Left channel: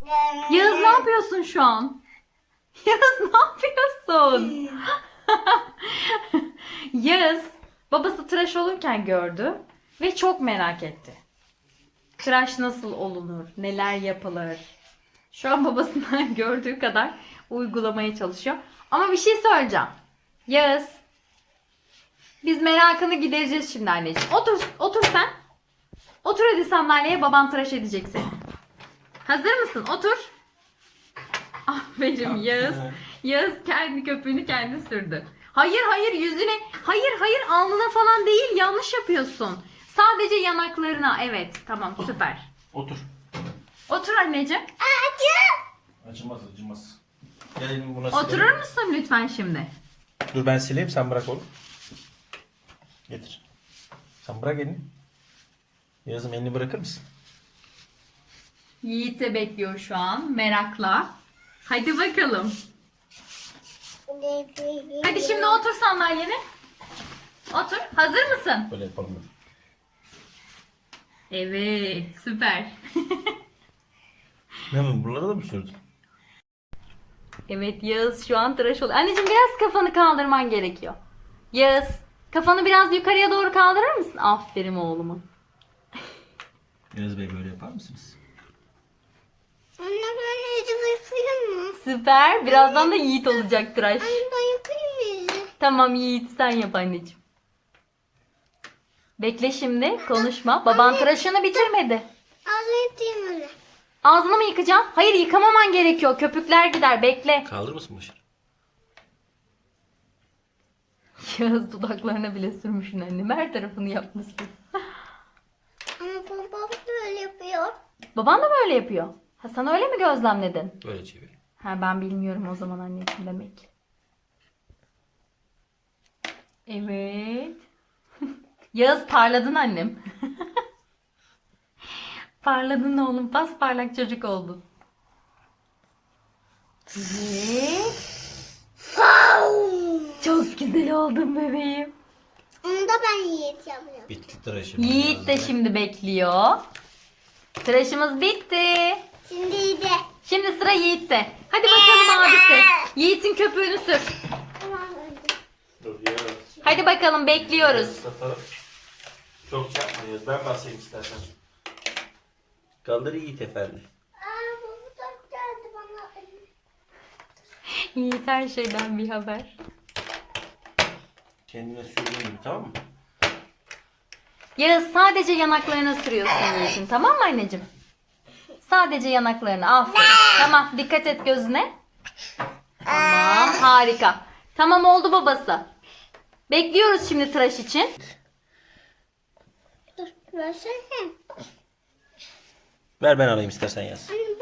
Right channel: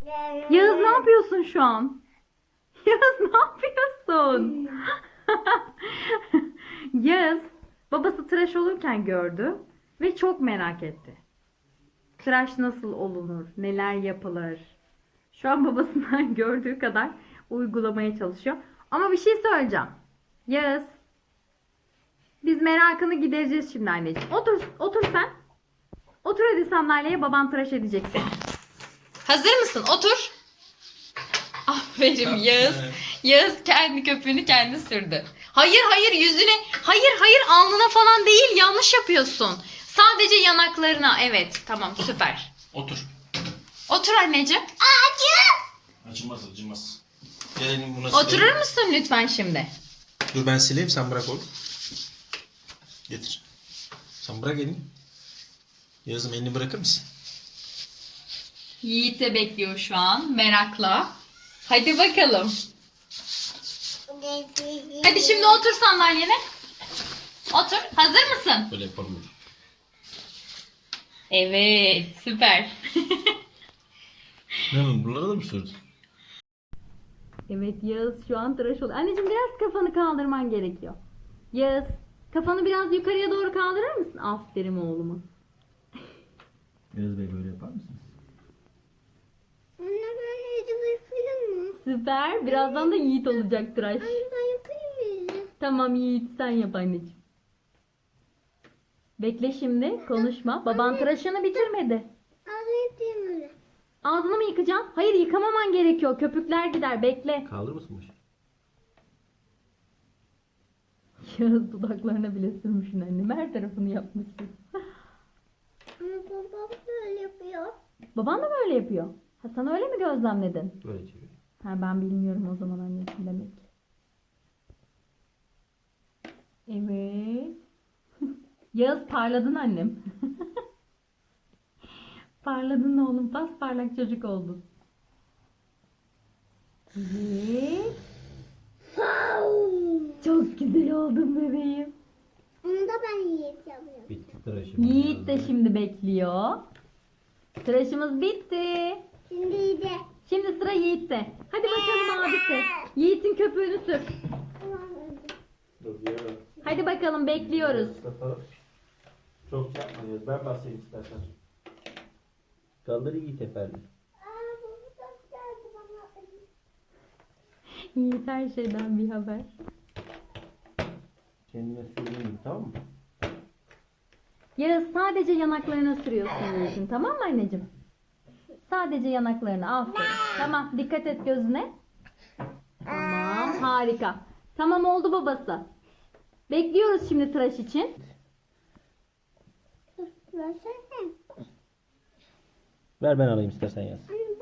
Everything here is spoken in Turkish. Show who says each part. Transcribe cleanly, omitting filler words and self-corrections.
Speaker 1: Yağız ne yapıyorsun şu an? Yağız ne yapıyorsun? Yağız babası tıraş olurken gördü ve çok merak etti. Tıraş nasıl olunur? Neler yapılır? Şu an babasından gördüğü kadar uygulamaya çalışıyor. Ama bir şey söyleyeceğim. Yağız, biz merakını gidereceğiz şimdi anneciğim. Otur sen. Otur hadi sandalyeye, baban tıraş edecek seni. Hazır mısın? Otur. Aferin Yağız. Yağız kendi köpüğünü kendi sürdü. Hayır yüzüne. Hayır alnına falan değil, yanlış yapıyorsun. Sadece yanaklarına. Evet tamam süper.
Speaker 2: Otur.
Speaker 1: Otur anneciğim.
Speaker 2: Acımaz. Gel buna
Speaker 1: Oturur
Speaker 2: sileyim.
Speaker 1: musun lütfen şimdi?
Speaker 2: Dur ben sileyim, sen bırak oğlum. Getir. Sen bırak elini. Yazım, elini bırakır mısın?
Speaker 1: Yiğit de bekliyor şu an merakla. Hadi bakalım. Hadi şimdi otur sandalyene. Otur. Hazır mısın?
Speaker 2: Böyle yapalım.
Speaker 1: Evet süper.
Speaker 2: Ne oğlum, buralara da mı sürdün?
Speaker 1: Evet Yağız şu an tıraş oluyor. Anneciğim biraz kafanı kaldırman gerekiyor. Yağız kafanı biraz yukarıya doğru kaldırır mısın? Aferin oğluma.
Speaker 2: Yaz Bey, böyle yapar mısınız?
Speaker 3: Anne ben yüzü yıkayayım mı?
Speaker 1: Süper. Birazdan da Yiğit olacak tıraş.
Speaker 3: Anne ben yıkayayım yüzü.
Speaker 1: Tamam Yiğit sen yap anneciğim. Bekle şimdi konuşma. Baban tıraşını bitirmedi.
Speaker 3: Ağzını yıkayayım öyle.
Speaker 1: Ağzını mı yıkacaksın? Hayır yıkamaman gerekiyor. Köpükler gider. Bekle.
Speaker 2: Kaldırır mısın başını?
Speaker 1: Yağız dudaklarına bile sürmüşsün annem. Her tarafını yapmışsın.
Speaker 3: Ama babam böyle yapıyor.
Speaker 1: Baban da böyle yapıyor. Ha sen öyle mi gözlemledin?
Speaker 2: Böyle çevir.
Speaker 1: Ha ben bilmiyorum o zaman anneciğim demek. Evet. Yağız parladın annem. Parladın oğlum. Pasparlak çocuk oldun. Evet. Çok güzel oldun bebeğim.
Speaker 3: Onu da ben Yiğit yapıyorum.
Speaker 2: Bitti tıraşım.
Speaker 1: Yiğit de şimdi bekliyor. Tıraşımız bitti.
Speaker 3: Şimdi de.
Speaker 1: Şimdi sıra Yiğit'te. Hadi bakalım abisi. Yiğit'in köpüğünü sür.
Speaker 3: Tamam hadi.
Speaker 2: Dur ya.
Speaker 1: Hadi bakalım bekliyoruz.
Speaker 2: Çok çarpmayız. Ben basayım istersen. Kaldır Yiğit efendi.
Speaker 3: Aa bu da geldi bana.
Speaker 1: Yiğit her şeyden bir haber.
Speaker 2: Kendine sürdüğün gibi, tamam mı?
Speaker 1: Yağız sadece yanaklarına sürüyorsun Yiğit'in, tamam mı anneciğim? Sadece yanaklarına. Aferin. Tamam dikkat et gözüne. Tamam harika. Tamam oldu babası. Bekliyoruz şimdi tıraş için.
Speaker 3: Dur versene.
Speaker 2: Ver ben alayım istersen Yaz.
Speaker 3: Anne